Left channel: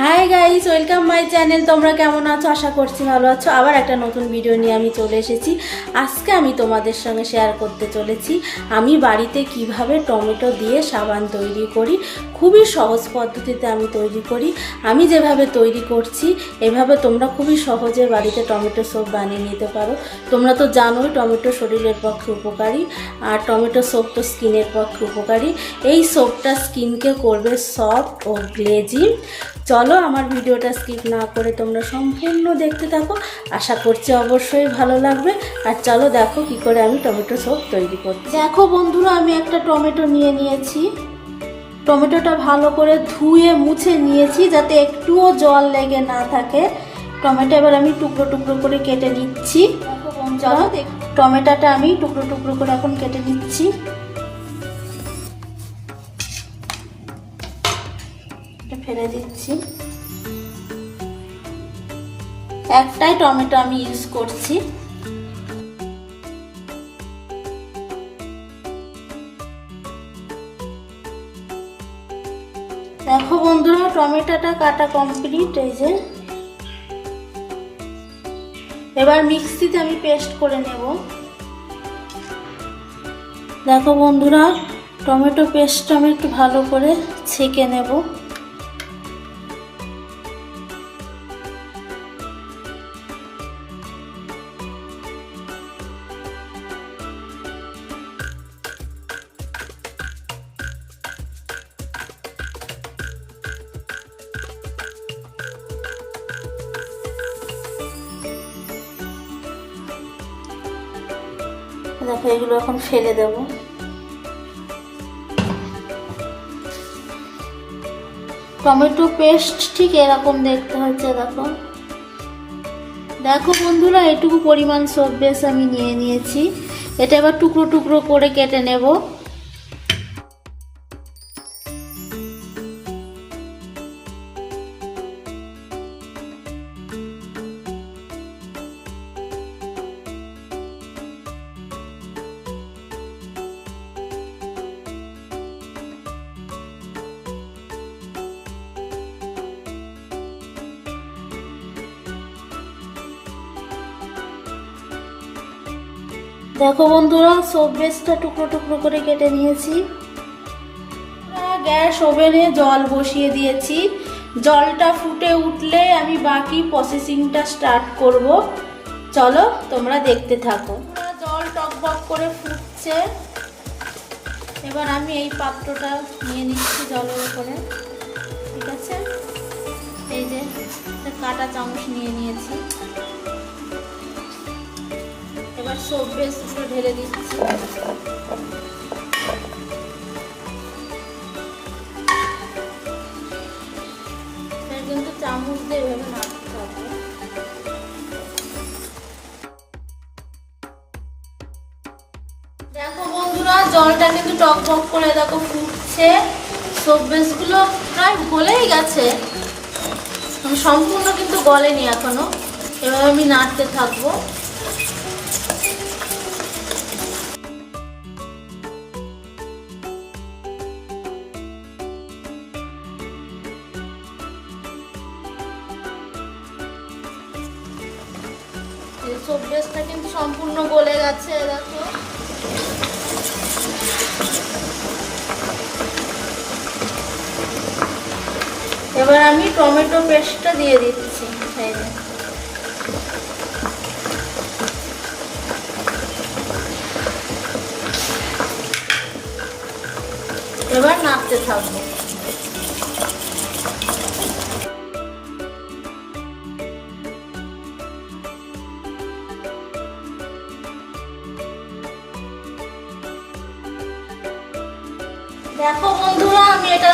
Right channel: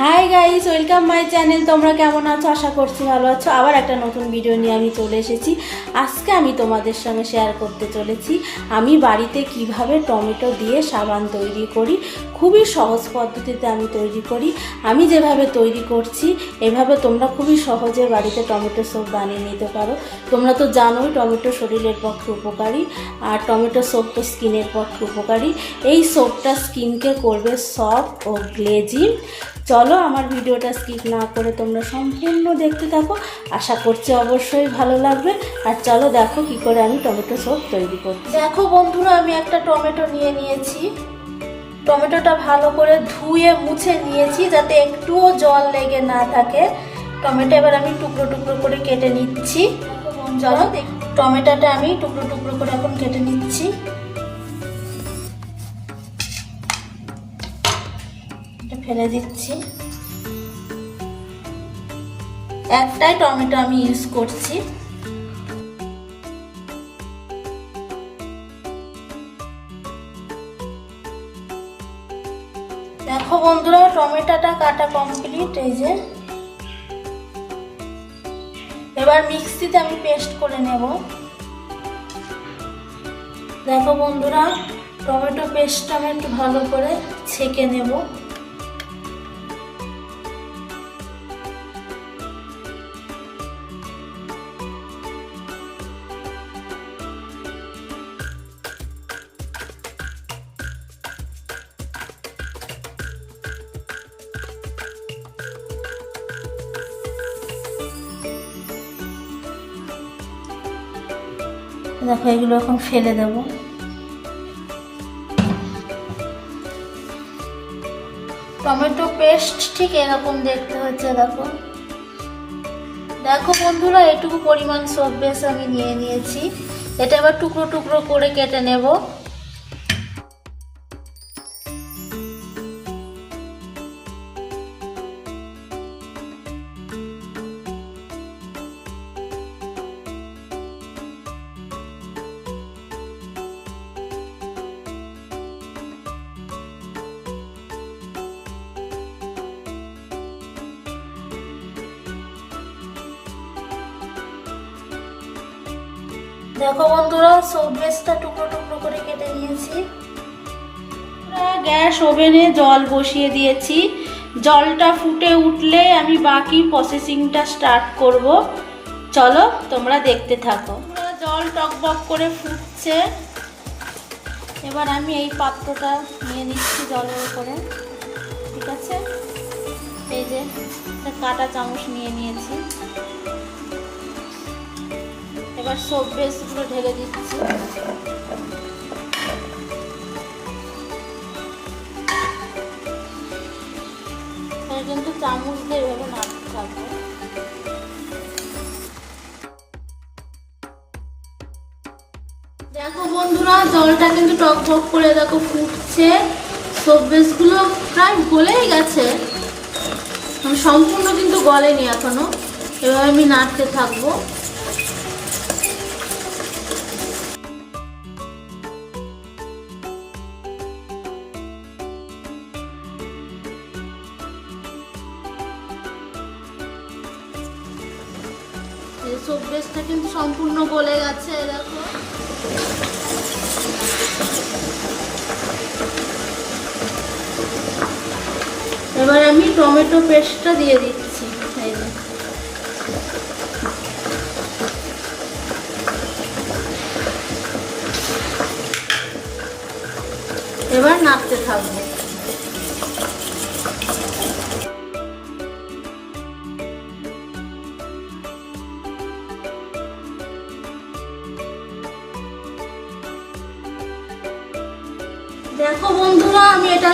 Hi guys welcome my channel তোমরা কেমন আছো? আশা করছি ভালো আছো। আবার একটা নতুন ভিডিও নিয়ে আমি চলে এসেছি। আজকে আমি তোমাদের সঙ্গে শেয়ার করতে চলেছি। আমি বাড়িতে কীভাবে টমেটো দিয়ে সাবান তৈরি করি খুবই সহজ পদ্ধতিতে আমি তৈরি করি। আমি যেভাবে তৈরি করছি, এভাবে তোমরা খুবই সহজে বাড়িতে টমেটো সোপ বানিয়ে নিতে পারো। তোমরা তো জানোই টমেটো শরীরের পক্ষে উপকারী, আর টমেটো সোপ তো স্কিনের পক্ষে উপকারী। এই সোপটা স্কিনকে করবে সফট ও গ্লেজিং। চলো আমার ভিডিওটা স্কিপ না করে তোমরা সম্পূর্ণ দেখতে থাকো। আশা করছি অবশ্যই ভালো লাগবে। আর চলো দেখো কি করে আমি টমেটো সোপ তৈরি করছি। দেখো বন্ধুরা, আমি একটা টমেটো নিয়ে নিয়েছি। টমেটোটা ভালো করে ধুয়ে মুছে নিয়েছি যাতে একটুও জল লেগে না থাকে। টমেটো এবার আমি টুকরো টুকরো করে কেটে নিচ্ছি। জল টমেটোটা আমি টুকরো টুকরো করে এখন কেটে নিচ্ছি। ফেলে দিচ্ছি। একটাই টমেটো আমি ইউজ করছি। দেখো বন্ধুরা, টমেটোটা কাটা কমপ্লিট এই যে। এবার মিক্সিতে আমি পেস্ট করে নেব। দেখো বন্ধুরা, টমেটো পেস্টটা আমি একটু ভালো করে ছেঁকে নেব। দেখো, এগুলো এখন ফেলে দেব। টমেটো পেস্ট, ঠিক এরকম দেখতে হচ্ছে দেখো। দেখো বন্ধুরা, এটুকু পরিমাণ সব বেশ আমি নিয়ে নিয়েছি। এটা আবার টুকরো টুকরো করে কেটে নেব। দেখো বন্ধুরা, সব বেশটা টুকরো টুকরো করে কেটে নিয়েছি। গ্যাস ওভেনে জল বসিয়ে দিয়েছি। জলটা ফুটে উঠলে আমি বাকি প্রসেসিংটা স্টার্ট করব। চলো, তোমরা দেখতে থাকো। জল টকবক করে ফুটছে। এবার আমি এই পাত্রটা নিয়ে নিচ্ছি জলের উপরে। ঠিক আছে? এই যে কাটা চামচ নিয়ে নিয়েছি। এবার সব বেসগুলো ঢেলে দিচ্ছি। কিন্তু চামচ দিয়ে জলটা কিন্তু টক টক করে দেখো ফুটছে। বেসগুলো প্রায় গলেই গেছে। মানে সম্পূর্ণ কিন্তু গলেনি এখনও। এভাবে আমি নাড়তে থাকব। সম্পূর্ণ গলে গেছে দেখো। এবার আমি টমেটো পেস্টটা দিয়ে দিচ্ছি এবার নাড়তে থাকব।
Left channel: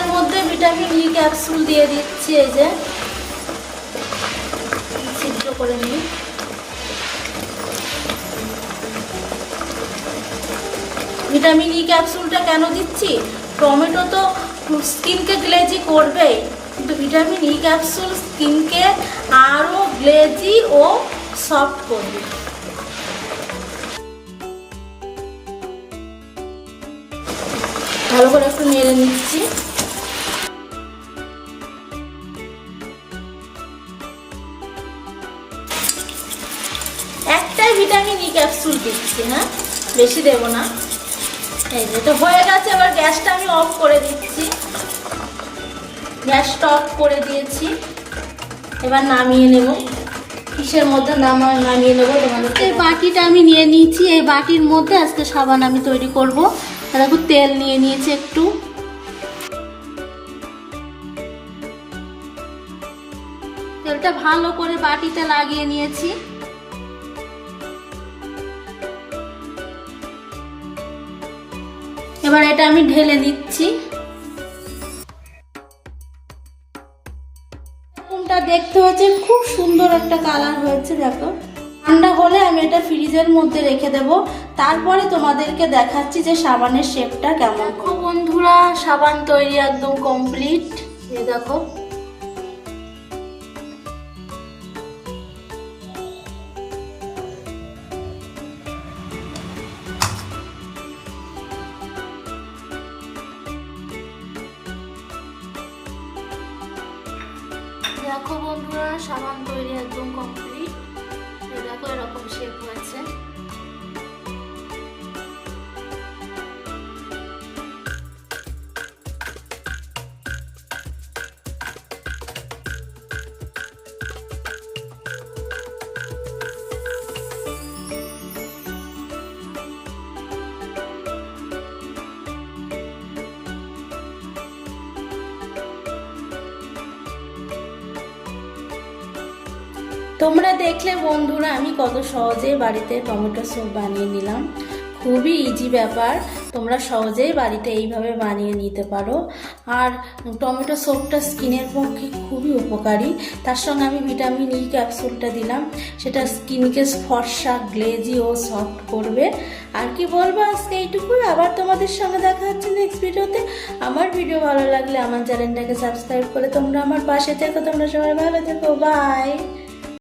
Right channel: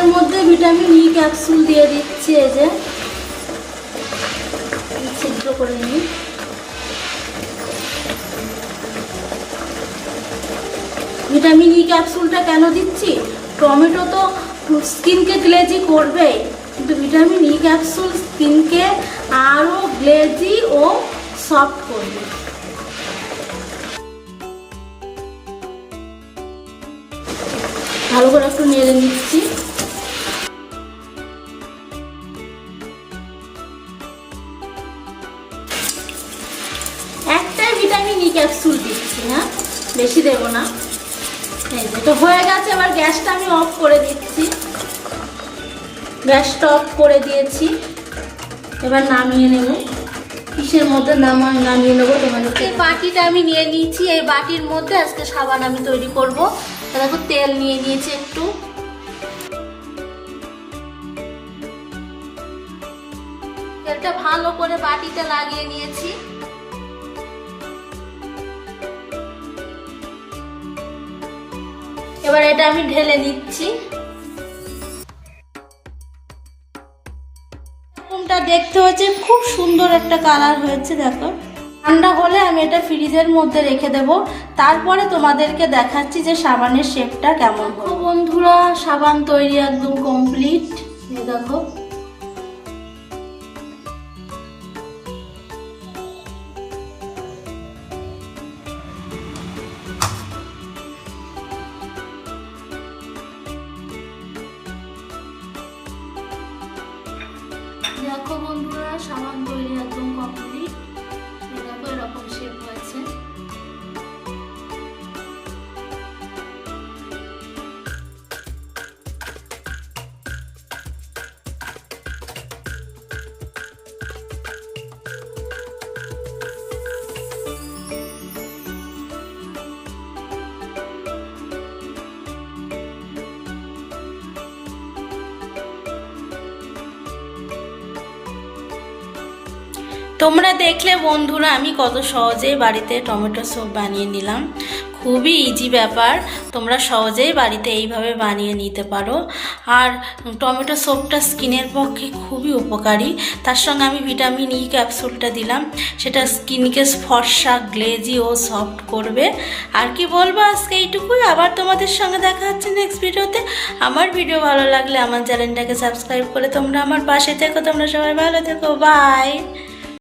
এটার মধ্যে ভিটামিন ই ক্যাপসুল দিয়ে দিচ্ছি, এই যে। সিদ্ধ করে নিই। ভিটামিন ই ক্যাপসুলটা কেন দিচ্ছি? টমেটো তো স্কিনকে গ্লেজি করবে, কিন্তু ভিটামিন ই ক্যাপসুল স্কিনকে আরও গ্লেজি ও সফট করবে। ভালো করে একটু নেড়ে নিচ্ছি। বেশি দেবো না। এই যেটা হয়ে গেছে এবার গ্যাসটা আমি অফ করে দিচ্ছি। গ্যাসটা অফ করে দিয়েছি। এবার নামিয়ে নেব। কিসের মধ্যে নামা নামিয়ে নেব এই বাটিটা আমি নিয়ে নিয়েছি। এই বাটির মধ্যে আজকে সাবান আমি তৈরি করব। দেখো তেল নিয়ে নিয়েছি একটু। তেলটা ভালো করে বাটিতে লাগিয়ে নিয়েছি। আমি ঢেলে দিচ্ছি। এরকমটা দেখতে হচ্ছে খুব সুন্দর একটা কালার হয়েছে, দেখো। ঠান্ডা হলে আমি এটা ফ্রিজের মধ্যে রেখে দেব। তারপরে তোমাদেরকে দেখাচ্ছি যে সাবানের শেপটা কেমন বন্ধুরা, সাবান তৈরি একদম কমপ্লিট দেখো। বন্ধুরা সাবান তৈরি একদম কমপ্লিট দেখো তোমরা দেখলে বন্ধুরা, আমি কত সহজেই বাড়িতে টমেটো স্যুপ বানিয়ে নিলাম। খুবই ইজি ব্যাপার, তোমরা সহজেই বাড়িতে এইভাবে বানিয়ে নিতে পারো। আর টমেটো স্যুপটা স্কিনের পক্ষে খুবই উপকারী। তার সঙ্গে আমি ভিটামিন ই ক্যাপসুলটা দিলাম, সেটা স্কিনকে ফর্সা, গ্লেজি ও সফট করবে। আর কি বলব, আজকে এইটুকুই। আবার তোমাদের সঙ্গে দেখা হচ্ছে নেক্সট ভিডিওতে আমার ভিডিও ভালো লাগলে আমার চ্যানেলটাকে সাবস্ক্রাইব করে তোমরা আমার পাশে থেকো। তোমরা সবাই ভালো থেকো। বাই